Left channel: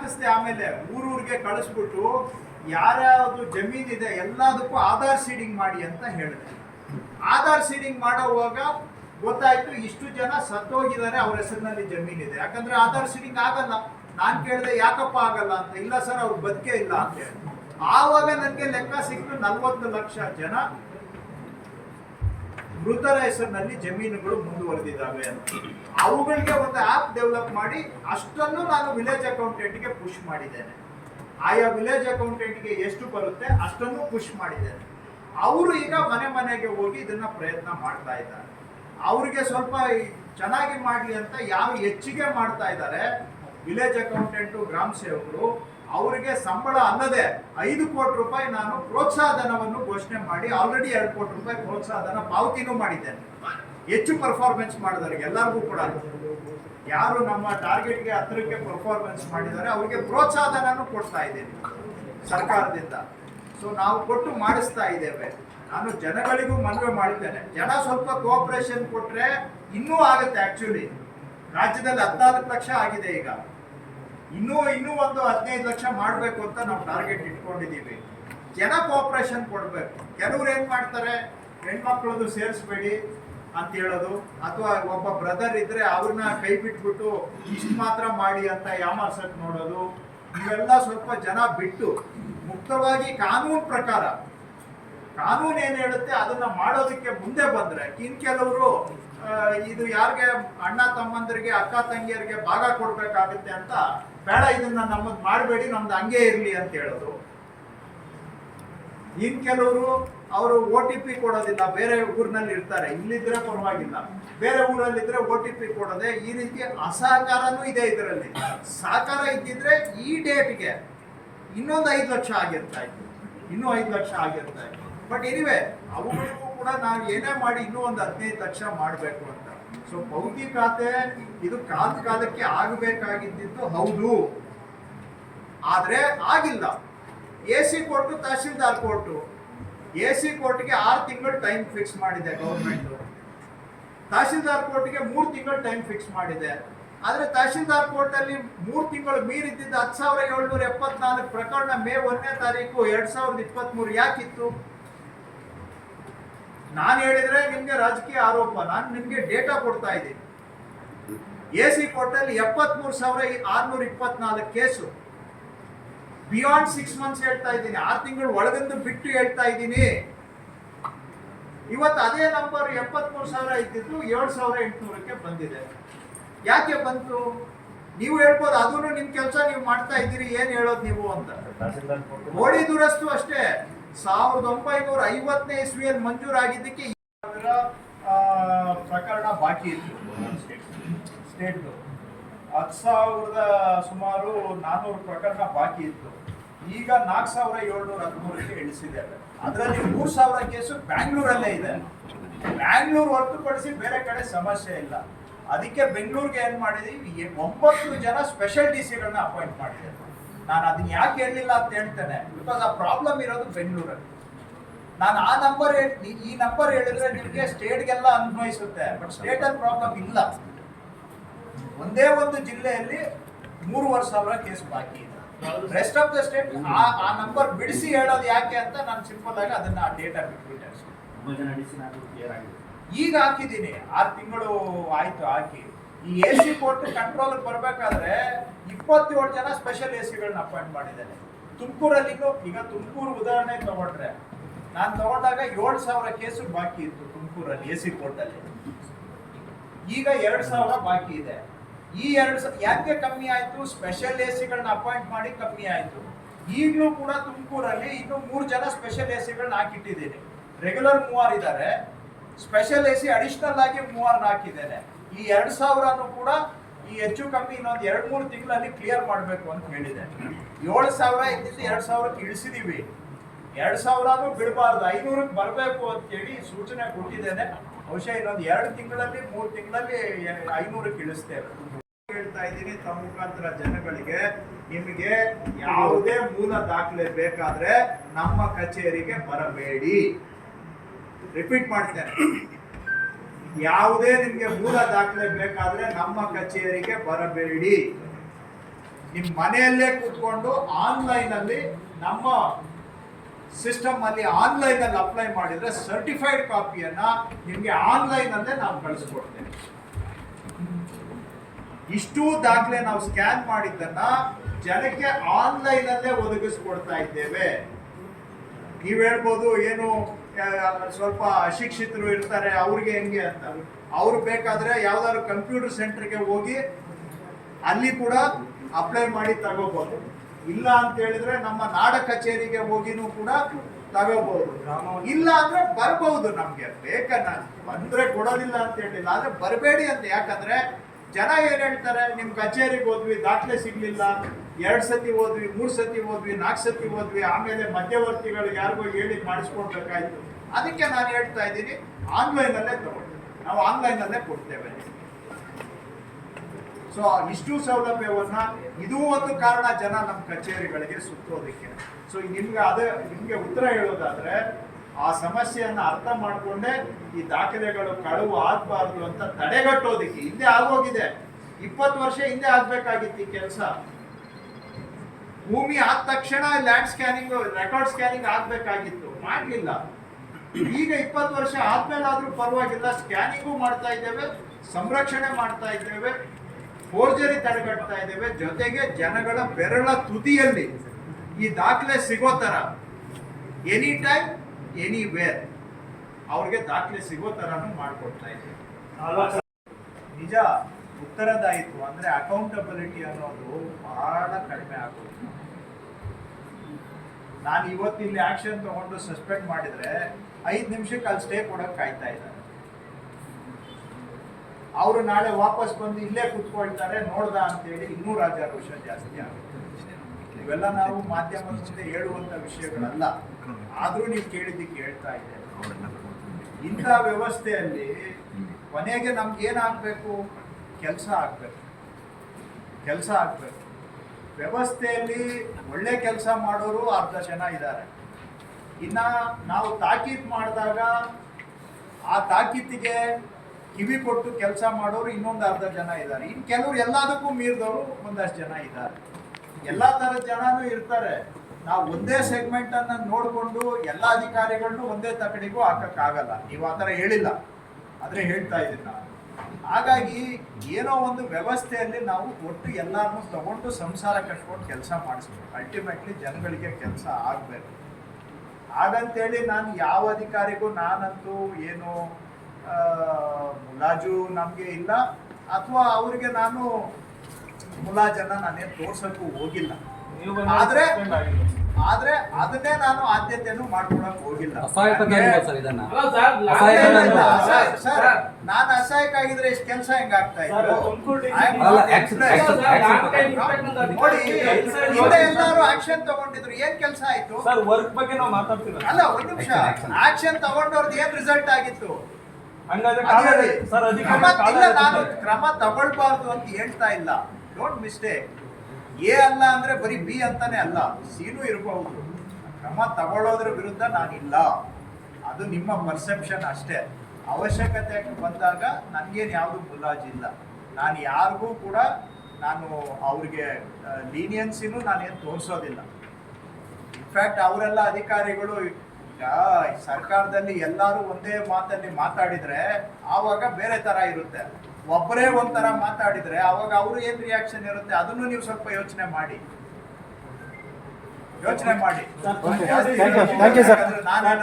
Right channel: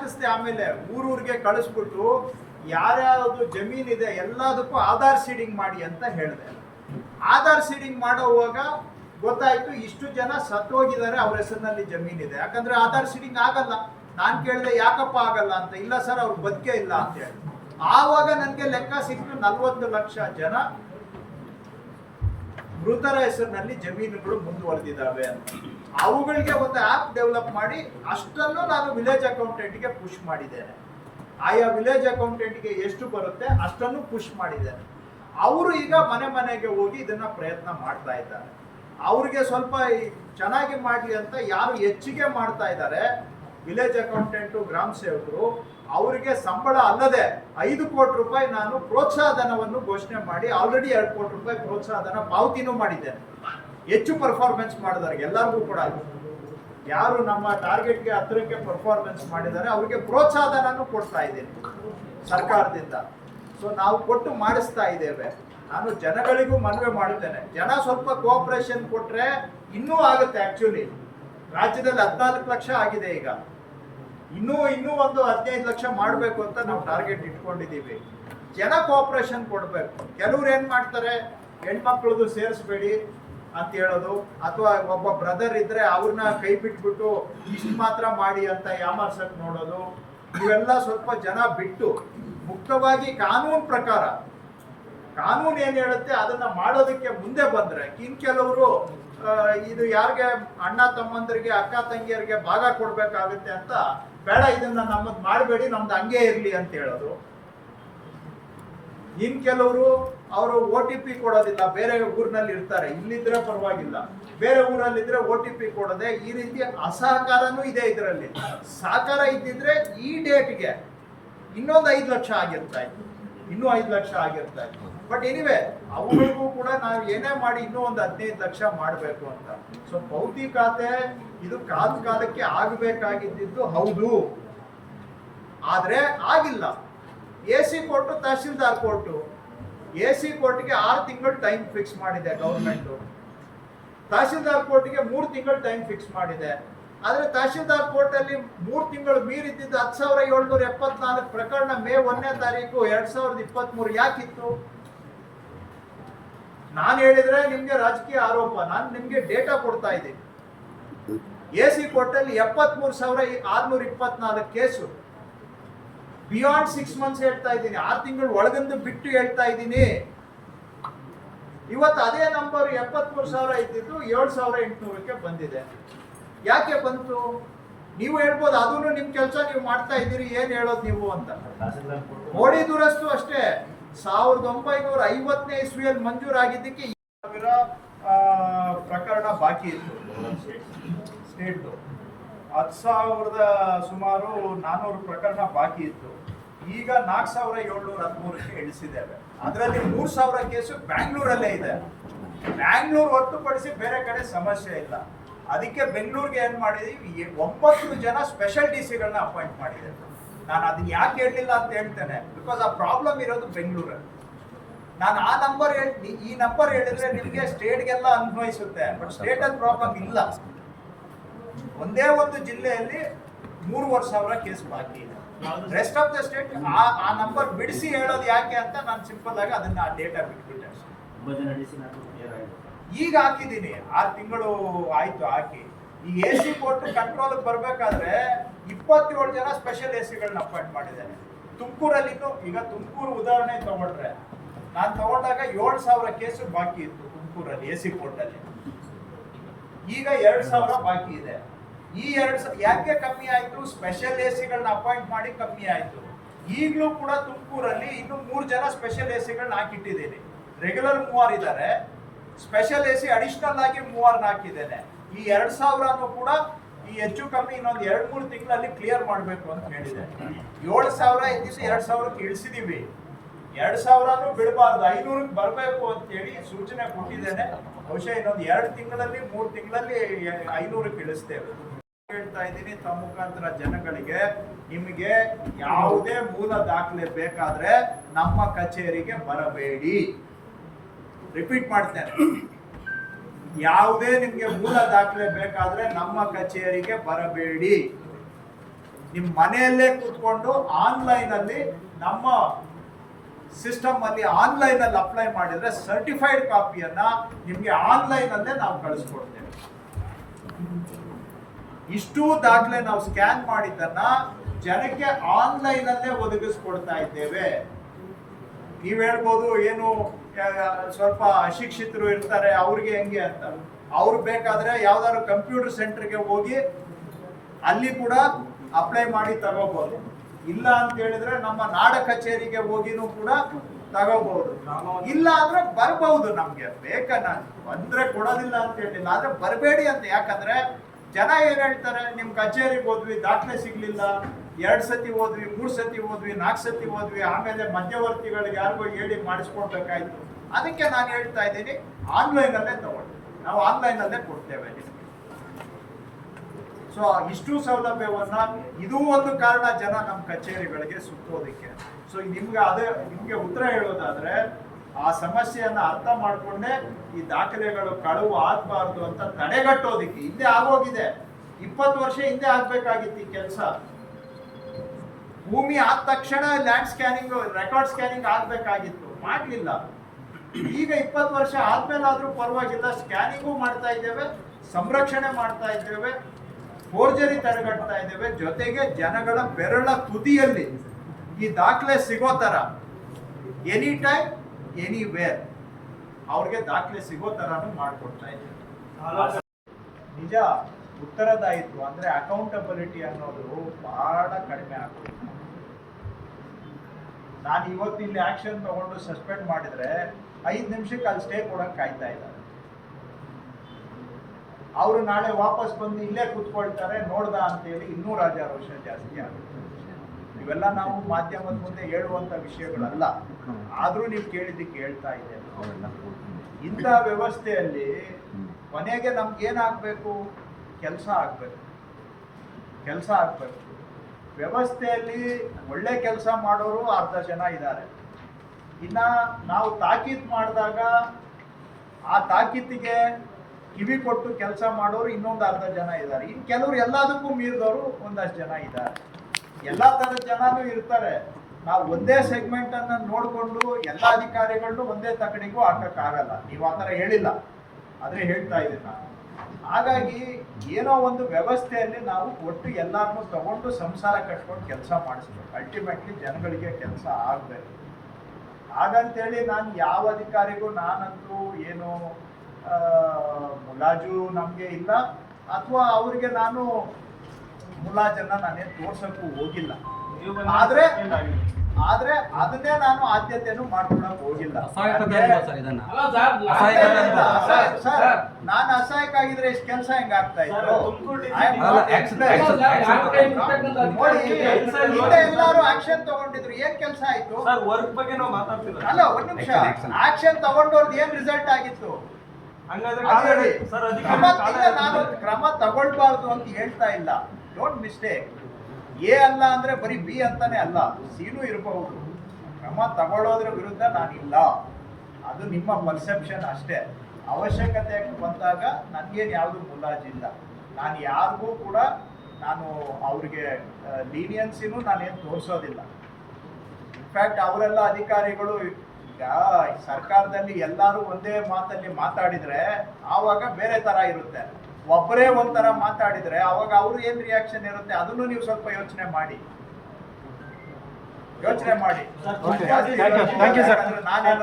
ಹಾಕಿಸ್ದೆ. ಆಮೇಲೆ ಊರೂರಿಗೆ ಕಳಿಸ್ಬಿಟ್ಟು ಯಾರ್ಯಾವುದು ಜಮೀನಿದೆ ಎಲ್ಲದಕ್ಕೂ ಆಧಾರ್ ಸೀಡಿಂಗ್ ಮಾಡಿ ಅಂತ ಹೇಳಿದೆ. ಆಧಾರ್ ಸೀಡಿಂಗ್ ಮಾಡೋವಾಗ ಗೊತ್ತಾಯ್ತು ಇಷ್ಟು ಜನ ಸತ್ತೋಗಿದ್ದಾರೆ, ಅವ್ರ ಹೆಸರಿನಲ್ಲಿ ಜಮೀನಿದೆ. ಯಾಕಂದ್ರೆ ಆಧಾರ್ ಸೀಡಿಂಗ್ ಆಗಲ್ಲ. ನಾನು ಕೇಳಿದೆ ಯಾಕಪ್ಪ ಆಗಲ್ಲ ಅಂತ. ಇಲ್ಲ ಸರ್ ಅವ್ರು ಬದುಕೇ ಇಲ್ಲ ಅಂತ ಹೇಳಿ. ಆವಾಗ ನನಗೆ ಲೆಕ್ಕ ಸಿಕ್ತು 40 ಲಕ್ಷ ಜನ ಮೃತರ ಹೆಸರಿನಲ್ಲಿ ಜಮೀನುಗಳು ಮುಂದುವರೆದಿದ್ದಾವೆ ಅಂತ. ಅವುಗಳಿಗೆ ಒಂದು ಆ್ಯಪ್ ಡೆವಲಪ್ ಮಾಡಿ ಅಷ್ಟನ್ನು ನಾನು ವಿಲೇಜ್ ಅಕೌಂಟೆಂಟ್ಗೆ ಪುಷ್ ಮಾಡಿದ್ದೇನೆ. ಆಯಾ ವಿಲೇಜ್ ಅಕೌಂಟೆಂಟ್ಗೆ ಎಷ್ಟು ಬರುತ್ತೆ ಅಷ್ಟನ್ನು ಪುಷ್ ಮಾಡಿದ್ದೇನೆ. ಅವರು ಈಗ ಮನೆ ಮನೆಗೆ ಹೋಗಿ ಇದನ್ನ ಪ್ರಯತ್ನ ಮಾಡ್ತಾ ಇದ್ದಾರೆ. ಅವ್ರಿಗೆ ಸ್ವಲ್ಪ ಚೆನ್ನಾಗಿ ಮಾಡಲಿ ಅಂತ ಯಾರು ಹೆಚ್ಚಿಗೆ ಮಾಡ್ತಾ ಇದ್ದಾರೆ ವಿಲೇಜ್ ಅಕೌಂಟೆಂಟು, ಗ್ರಾಮ ಸೇವಕರು, ಅವರಿಗೆ ಸಂಬಳ ಅಲ್ಲದೆ 5 ಕೋಟಿ ರೂಪಾಯಿ ನಾನು ಪ್ರೋತ್ಸಾಹ ಧನವನ್ನು ಘೋಷಣೆ ಮಾಡಿ ಆಲ್ರೆಡಿ 2 ಕೋಟಿ ರೂಪಾಯಿ ಪ್ರೋತ್ಸಾಹ ಧನ ಪಾವತಿನೂ ಮಾಡಿದ್ದೇನೆ. ಹೆಚ್ಚು ಪರ್ಫಾರ್ಮೆನ್ಸ್ ಮಾಡಿದ್ದಾರೆ ಎಲ್ಲರಿಗೂ ಕೂಡ. ಯಾರು ನಮ್ಮ ಟಾರ್ಗೆಟ್ಗೆ ಹತ್ತಿರಕ್ಕೆ ಪರ್ಫಾರ್ಮೆನ್ಸ್ ಮಾಡಿದ್ದಾರೆ ಅವರಿಗೆ ಪ್ರೋತ್ಸಾಹ ಧನನೂ ಕೊಡ್ತಾ ಇದ್ದೇನೆ ಸರ್ಕಾರದಿಂದ. ಸೊ ನಾವು ಕೊಟ್ಟು ಮಾಡಿಸ್ತಾ ಇದ್ದೇವೆ. ನಾನು ಜನಗಳಿಗೂ ಮನವಿ ಮಾಡಿದ್ದೇನೆ, ಜನ ಸ್ವಲ್ಪ ಕೋಆಪರೇಷನ್ ಕೊಟ್ಟರೆ ಇನ್ನೂ ಆಗುತ್ತೆ. ಆ್ಯಕ್ಚುಲಿ ರಾಜ್ಯದಲ್ಲಿ 14 ಲಕ್ಷ ಆಗಿದೆ. ಈಗ ಇನ್ನೂ ಒಂದು 15 ಲಕ್ಷ ಮಾಡಬೇಕು ಅಂತ ನಾವು ಟಾರ್ಗೆಟ್ ಇಟ್ಕೊಂಡಿದ್ದೀವಿ. ಜನ ಕೋಆಪರೇಷನ್ ಕೊಡಬೇಕು. ಕೆಲವ್ರು ಏನು ಮಾಡ್ತಾರೆ, ಹೆಣ್ಮಕ್ಳದ್ದು ಸೇರಿಸ್ಬೇಡಿ ಅಂತ ಹೇಳೋದು, ಅಥವಾ ಒಬ್ಬ ಬ್ರದರ್ ಇದ್ರೆ ಅವ್ರನ್ನ ಕೈ ಬಿಟ್ಬಿಟ್ಟು ಇಷ್ಟು ಮಾತ್ರ ಮಾಡಿ ಅಂತ ಯಾಮರ್ಸಕ್ಕೆ ನೋಡೋದು. ಇವೆಲ್ಲ ಸ್ವಲ್ಪ ಜನ ಬಿಟ್ಟು ಮುಕ್ತವಾಗಿ ಕಾನೂನು ಪ್ರಕಾರ ಕಾನೂನು ಏನು ಹೇಳುತ್ತೆ ಅದನ್ನ ಮಾಡೋದಕ್ಕೆ ಮುಂದೆ ಬಂದ್ರೆ, ಇನ್ ಕೆಲವರು ಇದು ಯಾರಿಗೆ ಅಣ್ಣ ತಮ್ಮಂದರಿಗೆ ಅಕ್ಕ ತಂಗಿಯರಿಗೆ ಭಾಗ ಕೊಡ್ಬೇಕಾಗುತ್ತೆ ಅಂತ, ಬೇಡ ಇದನ್ನ ನಮ್ಮದು ಮಾಡಬೇಡಿ ನಮ್ದು ಹಂಗೆ ಇರಲಿ ಅಂತ ಹೇಳೋದು. ಇನ್ ಕೆಲವರು ಅವರು OTP ಕೊಡೋದಿಲ್ಲ, ಬೇರೆ ಊರಿನಲ್ಲಿ ಇರ್ತಾರೆ, ಇಲ್ಲಿದ್ರೆ ಪರವಾಗಿಲ್ಲ, ಬೇರೆ ಊರಲ್ಲಿದ್ರೆ OTP ಕೊಡೋದೆ. ಈ ರೀತಿ ಅಸಹಕಾರನೂ ಇದೆ ಇದರಲ್ಲಿ. ಸಹಕಾರ ಇದ್ದಿದ್ರೆ ಈ ಡೇಟ್ಗೆ ಇನ್ನೊಂದು 5 ಲಕ್ಷ ಆಗಿರ್ತಾ ಇತ್ತು, ಇನ್ನೂ 5 ಲಕ್ಷ ಆಗಿರ್ತಾ ಇತ್ತು. ಬಟ್ ಎನಿವೆ ಅವುಗಳಿಗೂ ಕೂಡ ನಾವು ಏನೇ ಮಾಡಿ ಇನ್ನೂ ಒಂದು 15 ಲಕ್ಷ ಮಾಡಬೇಕು ಅಂತ. ಸೊ ಪೌತಿ ಖಾತೆ ಇದು ಕಾಲಕ್ಕೆ ಆಗಬೇಕಾಗಿದ್ದು ಹೌದು, ಆದ್ರೆ ಆಗಿಲ್ಲ. AC court, tahsildar court, AC ಕೋರ್ಟ್ಗೆ 6 ತಿಂಗಳು ಟೈಮ್ ಫಿಕ್ಸ್ ಮಾಡಿದೆ ಗೌರ್ಮೆಂಟು, ತಹಶೀಲ್ದಾರ್ ಕೋರ್ಟ್ಗೆ 3 ತಿಂಗಳು ಟೈಮ್ ಫಿಕ್ಸ್ ಮಾಡಿದೆ. ಆದರೆ ತಹಶೀಲ್ದಾರ್ ಕೋರ್ಟಲ್ಲಿ 3 ತಿಂಗಳು ಮೀರಿದ್ದಿದ್ದು 10,774 ಪ್ರಕರಣ ಮೇ 1ನೇ ತಾರೀಕು 2023 ಯಾಕಿತ್ತು? ನಾನು ಹೇಳಿದ್ರೆ ನಿಮ್ಗೆ ರಾಜಕೀಯ ಆರೋಪ. ನಾನು ನಿಮ್ಗೆ ಡೇಟಾ ಕೊಡ್ತಾ ಇದ್ದೀನಿ. AC ಕೋರ್ಟಲ್ಲಿ 73,624 ಕೇಸು. ಬಿಯಾಂಡ್ 6 ಮಂತ್ಸ್ ಹೇಳ್ತಾ ಇದ್ದೀನಿ, 6 ತಿಂಗಳು ಒಳಗಿಂದ ಬಿಟ್ಟು ಹೇಳ್ತಾ ಇದ್ದೀನಿ. ಇವತ್ತು ಅದೇ ನಂಬರ್ 73,000 ಇದ್ದಿದ್ದು 7,800ಕ್ಕೆ ಬಂದಿದೆ. ಯಾಕೆ ಬಂತು? ನೀವು ಹೇಳ್ಬೋದು ಅದನ್ನು ನಿಮ್ ಕೆಲಸ ನೀವು ಮಾಡ್ತಾ ಇದ್ದೀರಿ, ಏನ್ ಹೇಳೋದು ನೀವು ಅಂತ. ಮೋಡಿ ದುರಸ್ತು ಅಷ್ಟೇ 1950ನೇ ಇಸ್ವಿಯಲ್ಲಿ ಮಂಜೂರಾಗಿದ್ದಕ್ಕೆ 1000 ಪ್ರಕರಣ ಬಾಕಿ ಇತ್ತು ಸ್ಟೇಟ್ದು. 10,000 ಸುಮಾರು 400 ಪ್ರಕರಣ ಬಾಕಿ ಇತ್ತು. ಈಗ 4,713ಕ್ಕೆ ಇಳಿಸಿದ್ದೇವೆ. ಅದರಲ್ಲಿ 3,000 ಕೇಸು ಬ್ಯಾಂಗ್ಳೂರಲ್ಲೇ ಇದೆ. ಬ್ಯಾಂಗ್ಳೂರು ಹೊರತುಪಡಿಸಿ ಬೇರೆ ಕಡೆ ಸಮಸ್ಯೆ ಇಲ್ಲ. ಅದಕ್ಕೆ ಬೆಂಗಳೂರಿಗೆ ಏನು ಮಾಡಿದೀವಿ, 9 ಜನ ಸ್ಪೆಷಲ್ DC-ಗಳನ್ನ ಅಪಾಯಿಂಟ್ ಮಾಡಿದ್ದೇವೆ. ನಾನು ಅದನ್ನ ಯಾಕೆ ಹೇಳಲಿಲ್ಲ ಅಂತ ಹೇಳ್ತೇನೆ, ಬಿಕಾಸ್ ಆ ಪ್ರಾಬ್ಲಮ್ ಇರೋದು ಬೆಂಗಳೂರಲ್ಲಿ. ನಾನು ಆ ನಂಬರ್ ಈ ನಂಬರ್ ಹೇಳಿದ್ರೆ ನಿಮಗೆ ಸ್ಟೇಟ್ಗೆಲ್ಲ ಅನ್ವಯಿಸುತ್ತೆ, ಬಟ್ ಸ್ಟೇಟಲ್ಲಿ ಪ್ರಾಬ್ಲಮ್ ಇಲ್ಲ. ಒಂದೇ ಒಂದು ಜಿಲ್ಲೆಯಲ್ಲಿ 3,500 ಕೇಸ್ ಬಾಕಿ ಇದೆ. ರೆಸ್ಟ್ ಆಫ್ ದ ಸ್ಟೇಟ್ ಆ ನಂಬರ್ ಬಿಡಿಸಿ ಹೇಳೋದು ಯಾಕೆ ಅಂತ ನಾನು ಸಿಂಪಲ್ ಆಗಿ ಅದನ್ನ ಆ ಡೇಟಾ ಬಿಟ್ಬಿಟ್ಟೆ. ಈಗ ಹಾಕಿದ್ದೀನಿ, 6 ತಿಂಗಳು ಆಯ್ತು ಹಾಕಿ. ಈ AC ಕೋರ್ಟ್ ಕಂಟ್ರೋಲ್ ಬರಬೇಕಾದ್ರೆ 27 ಜನ ಸ್ಪೆಷಲ್ AC-ಗಳನ್ನ ಅಪಾಯಿಂಟ್ ಮಾಡಿದ್ದೇನೆ. ತುಮಕೂರಲ್ಲಿ ಈಗ ತುಮಕೂರು ಉದಾಹರಣೆ ತಗೊಂಡ್ರೆ, ನಾನು ತಗೊಂಡಾಗ 7,000 ಕೇಸು ಬಾಕಿ ಇತ್ತು ತುಮಕೂರಲ್ಲಿ AC ಕೋರ್ಟಲ್ಲಿ. ಈಗ 2,000 ಬಾಕಿ ಇದೆ. ಈ 2,000 ಯಾಕೆ ಕಮ್ಮಿ ಆಯ್ತು? ಸ್ಪೆಷಲ್ AC-ಗಳನ್ನ ಅಪಾಯಿಂಟ್ ಮಾಡಿ ಕಮ್ಮಿ ಆಯ್ತು. ಈಗಲೂ ಕೂಡ ತುಮಕೂರಲ್ಲಿ ಇನ್ನೂ 3 ಜನ ಸ್ಪೆಷಲ್ AC-ಗಳನ್ನ ಹಾಕಿಟ್ಟಿದ್ದೀನಿ. ರೆಗ್ಯುಲರ್ 3 ಇದ್ದಾರೆ, ಸ್ಪೆಷಲ್ AC ಅಡಿಷನಲ್ ಆಗಿ 3 ಹಾಕಿದ್ದೇನೆ. ಈ 2,000 ಕೂಡ ಈ ಹೆಚ್ಚು ಕಮ್ಮಿ ಇನ್ನೊಂದು 2-3 ತಿಂಗಳಲ್ಲಿ ಕ್ಲಿಯರ್ ಮಾಡಬೇಕು ಅಂತ ಹೇಳಿದೆ. 7,000 ಇದ್ದಿದ್ದು 2,000ಕ್ಕೆ ಇಳಿಸಿದೀವಿ. 2,000 ಬಿಡಬಾರ್ದು, 500ಕ್ಕೆ ಬರಬೇಕು ಅಂತೇಳಿ ಸೂಚನೆ ಕೊಟ್ಟಿದ್ದೇನೆ. ಬಹುಶಃ ಇನ್ನೊಂದು 2 ತಿಂಗಳಲ್ಲಿ 3 ತಿಂಗಳಲ್ಲಿ 500ಕ್ಕೆ ಇಳಿಸ್ತೇವೆ. ಹೇಳ್ತಾ ಇದ್ದೀನಿ ತಮ್ಮ ಮುಖಾಂತರ ಜನಗಳಿಗೆ, ನಿಮಗೆ ಯಾವುದೇ ಮೂಲ ದಾಖಲೆ ಬೇಕಾದ್ರೆ ನಮ್ಮ ಕಚೇರಿಗೆ ಬರಬೇಡಿ. ರಿಪೀಟ್ ಮಾಡ್ತೇನೆ, ಯಾವುದೇ ನಿಮಗೆ ಮೂಲ ದಾಖಲೆ ಬೇಕಾದ್ರೆ ನಮ್ಮ ಕಚೇರಿಗೆ ಬರಬೇಡಿ. ನಿಮ್ಮ ಮನೆಯಲ್ಲೇ ಕೂತ್ಕೊಂಡು ಆನ್ಲೈನಲ್ಲಿ ನಮ್ಮ ಸಿಸ್ಟಮ್ ಅಲ್ಲಿ ಆನ್ಲೈನ್ ಅಲ್ಲಿ ಅಪ್ಲೈ ಮಾಡಿದ್ರೆ ಸರ್ಟಿಫೈಡ್ ಕಾಪಿಯನ್ನ ನಿಮ್ಗೆ ಆನ್ಲೈನ್ ಅಲ್ಲೇ ನಾವು ಕಳಿಸ್ಕೊಡ್ತೇವೆ. ಇಷ್ಟು ದಾಖಲೆ ನಾವು ಸ್ಕ್ಯಾನ್ ಮಾಡಿದ್ದನ್ನ ಜನಕ್ಕೆ ಆನ್ಲೈನ್ ಅಲ್ಲೇ ಒದಗಿಸ್ಕೊಡ್ತಾ ಇದ್ದೇವೆ. ನೀವ್ ಹೇಳ್ಬೋದು ಏನು ಸ್ವಲ್ಪ ಅಶಿಕ್ಷಿತರು ಇರ್ತಾರೆ ಅವ್ರಿಗೆ ಹೆಂಗೆ ಅಂತ. ಅವ್ರು ಬೇಕಾದ್ರೆ ಯಾವ್ದಾದ್ರು ಕಂಪ್ಯೂಟರ್ ಸೆಂಟರ್ಗೆ ಹೋಗಿ ಅಲ್ಲಿ ಕೂಡ ಅಪ್ಲೈ ಮಾಡಿ ತಗೋಬಹುದು. ಇಲ್ಲ ಅಂತ ಹೇಳಿದ್ರೆ ನಮ್ಮ ನಾಡ ಕಚೇರಿಗೆ ಹೋಗಿನೂ ಕೂಡ ತಗೋಬಹುದು. ಇಲ್ಲ ಅಂದ್ರೆ ಬರ್ಬಹುದು. ನಮ್ಗೆ ಬಂದ್ರೆ ಕೊಡೋದಿಲ್ಲ ಅಂತ ಹೇಳಿಲ್ಲ, ಆದ್ರೆ ಬರಬೇಡಿ ಅಂತ. ಯಾಕಂದ್ರೆ ಜನ ಏನ್ ಹೇಳ್ತಾರೆ, ನಿಮ್ ಕಚೇರಿಗೆ ಹೋದ್ವಿ ದಾಖಲೆ ಸಿಗ್ಲಿಲ್ಲ, 2 ಸತಿ ಹೋದ್ವಿ, 3 ಸತಿ ಹೋದ್ವಿ, 4 ಸತಿ ಹೋದ್ವಿ, ಆಮೇಲೆ ಮಧ್ಯವರ್ತಿಗಳಿಗೆ ಯಾರಿಗೋ ಹೇಳಿ ಮಾಡಿಸ್ಕೊಳ್ಬೇಕಾಯ್ತು. ಅದಕ್ಕೆ ನಾನು ಹೇಳ್ತಾ ಇದ್ದೀನಿ, ಆನ್ಲೈನ್ ಅಲ್ಲೇ ತಗೊಳ್ಳಿ, ನಾವು ಆನ್ಲೈನ್ ಅಲ್ಲೇ ಕೊಡ್ತೇವೆ. ಸೊ ಇಷ್ಟು ಸೌಲಭ್ಯವನ್ನ, ಇದೂ ಒಂದು ಕಾರಣ ಜನ ನಮ್ಮ ಕಚೇರಿಗಳಿಗೆ ಸುತ್ತೋದಕ್ಕೆ. ಸೊ ನಿಮ್ಗೆ ಉತ್ತರ ಹೇಳೋದಾದ್ರೆ, ಆ ಸಮಸ್ಯೆಯನ್ನ ಅರ್ಥ ಮಾಡ್ಕೊಂಡೆ ಈ ದಾಖಲೆಗಳು ಕಳುವು ಆಗ್ಬಾರ್ದು ಅಂತ ತಡೆಗಟ್ಟೋದಿಕ್ಕೆ. ಹಿಂದೆ ಆಗೋಗಿದೆ, 20 ವರ್ಷ ಹಿಂದೆ ಆಗ್ಬೇಕಾಗಿತ್ತು ಈ ಕೆಲಸ. ಭೂಮಿ ಆದ ತಕ್ಷಣ ಲ್ಯಾಂಡ್ ಸ್ಕ್ಯಾನಿಂಗ್, ರೆಕಾರ್ಡ್ ಸ್ಕ್ಯಾನಿಂಗ್ ಆಗ್ಬೇಕಾಗಿತ್ತು, ಮಾಡ್ಲಿಲ್ಲ. ಈಗ 20 ವರ್ಷ ಆದ್ಮೇಲೆ ಆದ್ರೂ ಪರವಾಗಿಲ್ಲ, ಸ್ಕ್ಯಾನಿಂಗು ಮಾಡ್ತಾ ಇದ್ದೇವೆ, ಸಂರಕ್ಷಣೆ ಮಾಡ್ತಾ ಇದ್ದೇವೆ, ಫೋರ್ಜರಿ ತಡೆಗಟ್ತಾ ಇದ್ದೇವೆ. ಜೊತೆಗೆ ಜನಗಳ ಬೆರಳ ತುದಿಯಲ್ಲಿ ಈ ದಾಖಲೆ ಸಿಗೋ ತರ ಎನಿ ಟೈಮ್ ಎನಿವೇರ್ ಅವ್ರಿಗೆ ದಾಖಲೆ ಸಿಗೋ ತರಾನು ಮಾಡ್ಕೊಡ್ತಾ ಇದ್ದೀವಿ. ನಿಜ, ಉತ್ತರದಾಯಿತ್ವ ಅಂದ್ರೆ ಅಕೌಂಟಬಿಲಿಟಿ ಅನ್ನೋದು ಬಹಳ ಕಡಿಮೆ ಆಗೋದು. ನಾನು ಇವತ್ತು ಇಲ್ಲಿ ಆಕ್ಷನ್ ತಗೊಂಡು ಸಸ್ಪೆಂಡ್ ಮಾಡಿದ್ರೆ 5 ನಿಮಿಷಕ್ಕೆ ಅಲ್ಲಿ ಸ್ಟೇ ಕೊಡಕ್ ಕಾಯ್ತಾ ಇದ್ದಾರೆ. ಅವರು ನಾಳೆ ವಾಪಸ್ ಬಂದು ಇಲ್ಲೇ ಕೂತ್ಕೊಳ್ತಾರೆ, ನೋಡ್ದ ಅಂತೇಳಿ ಇನ್ನೂ ರಾಜಾರೋಷ ಜಾಸ್ತಿ ಆಗುತ್ತೆ. ಇವೆಲ್ಲ ನಾವು ಮಾಧ್ಯಮದ ಮುಂದೆ ಹೇಳುವಂತ ವಿಷಯಗಳಲ್ಲ, ಆದ್ರೂ ನೀವು ಕೇಳಿದ್ದಕ್ಕೆ ಹೇಳ್ತಾ ಇದ್ದೇನೆ. ಇಂಥ ವ್ಯವಸ್ಥೆಯಲ್ಲಿ ಕೊನೆಗೆ ನಮ್ಗೆ ಏನಾಗಬೇಕು, ಕೆಲಸ ಆಗಬೇಕು. ವ್ಯವಸ್ಥೆಯಲ್ಲಿ ಒಳ್ಳೆ ಕೆಲಸ ಮಾಡೋರು ಅರ್ಧ ಜನ ಇದ್ದಾರೆ. ಇನ್ನ ನಾವು ತಾಕೀತು ಮಾಡಿದಾಗ ಆ ತಾಕೀತಿಗೆ ಕಿವಿ ಕೊಟ್ಟು ಕೆಲಸ ಮಾಡೋರು ಇನ್ನೊಂದು ಅರ್ಧ ಜನ ಇದ್ದಾರೆ. ಇನ್ನು ಕೆಲವರು ಎಲ್ಲದಕ್ಕೂ ಮೀರಿದವರು ಒಂದಷ್ಟು ಜನ ಇದ್ದಾರೆ. ಎಲ್ಲ ಥರದ ಜನನೂ ಇರ್ತಾರೆ. ನಾವು ಒಂದೇ ಸೆಗ್ಮೆಂಟ್ ಅನ್ನ ನೋಡಿಕೊಂಡು ಎಲ್ಲ ಅಧಿಕಾರಿಗಳನ್ನು ಒಂದೇ ತಕಡಿಗೂ ಹಾಕಕ್ಕಾಗಲ್ಲ. ನೀವು ಆ ಥರ ಹೇಳಿಲ್ಲ, ಆದರೆ ಹೇಳ್ತಾ ಇದ್ದೀನಿ ನಾನು. ಹಾಗಾಗಿ ಏನೋ ಒಂದು ವ್ಯವಸ್ಥೆಯಲ್ಲಿ ನಾವು ಒಟ್ಟು ಎಲ್ಲರನ್ನೂ ತಗೊಂಡು ಸಂಸಾರ ಕಟ್ಕೊಂಡು ಕೆಲಸ ಮಾಡಿಸ್ಬೇಕು. ಅಲ್ಟಿಮೇಟ್ಲಿ ಜನಗಳಿಗೆ ಕೆಲಸ ಆಗಬೇಕು. ಹಾಗಂತೇಳಿ ನಾನು ಯಾವ ಅಧಿಕಾರಿಗೂ ನಾನಂತೂ ಏನು ಮುಲಾಜು ನಮಗೆ ಇಲ್ಲ, ಅಥವಾ ಅವರಿಗೆ ನಾನು ಮುಲಾಜನ್ನ ನಾನೇನು ತೋರ್ಸಕ್ಕೂ ಹೋಗಿಲ್ಲ. ಆದ್ರೆ ಅದನ್ನೇ ನಾನು ಆದ್ಯತೆಯನ್ನು ಮಾಡ್ಕೊಳಕ್ ಹೋಗಿಲ್ಲ. ಸರ್, ನಾನು ಅಸಹಾಯಕ ಆಗಿದ್ರೆ ಇಷ್ಟು ಕೆಲಸ ಹೆಂಗಾಗ್ತಾ ಇತ್ತು? ನೋಡಿ, ಹಿಂದೆ ಎಲ್ಲಾರು ಆಕ್ಷನ್ ತಗೊಂಡಿದ್ರು, ಏನ್ ಕೆಲಸ ಆಯ್ತು? ಅಲ್ಲ, 1 ನಿಮಿಷ, ಆಕ್ಷನ್ ತಗೊಂಡವ್ರದ್ದು ಏನ್ ರಿಸಲ್ಟ್ ಆಗಿತ್ತು? ಇಲ್ಲ, ನಾನು ಕ್ರಮ ತಗೊಳ್ಬಾರ್ದು ಅಂತ ಹೇಳ್ತಾ ಇಲ್ಲ. Don't mistake. ಎ ಅಲ್ಲ ಅಂದ್ರೆ ಬರೀ ಬಿ ಅಂತಾನೆ ಅಲ್ಲ, ಸಿನೂ ಇರಬಹುದು. ಕ್ರಮ ತಗೊಳ್ಳೋದ್ರ ವಿರುದ್ಧ ನಾನಿಲ್ಲ, ಅದು ನಿಮ್ಮ ಪರ್ಸೆಪ್ಷನ್ ಅಷ್ಟೇ. ಅವಶ್ಯಕತೆ ಬಂದಾಗ ನನಗೇನು ಯಾವುದು ಮುಲಾಜಿಲ್ಲ. ನಾನು ಯಾರಿಗೂ ಕೂಡ ನಾನು ಅವ್ರಿಗೆ ಲೀನಿಯನ್ಸಿನೂ ನಾನೇನು ತೋರಿಸೋದಿಲ್ಲ. ಇನ್ಫ್ಯಾಕ್ಟ್ ಅವರೆಲ್ಲ ಅಧಿಕಾರಿಗಳು ಈಗ ಸರ್ಕಾರದಲ್ಲಿ ಎಲ್ಲರೂ ಒಂದೇ ಮಾತಲ್ಲಿ ಮಾತಾಡಿದ್ರೆ ಆವಾಗ ಬೇರೆ ತರ ಇರುತ್ತೆ. ಒಬ್ಬರೇ ಒಂಥರ ಮಾತಾಡಿದ್ರೆ ಅವಾಗ ಅವರು ಏನ್ ರಿಯಾಕ್ಷನ್ ಇರುತ್ತೆ ಅದನ್ನು ನೀವು ಸ್ವಲ್ಪ ಯೋಚನೆ ಮಾಡಿ. ಜಾಸ್ತಿ ನಾನೇನ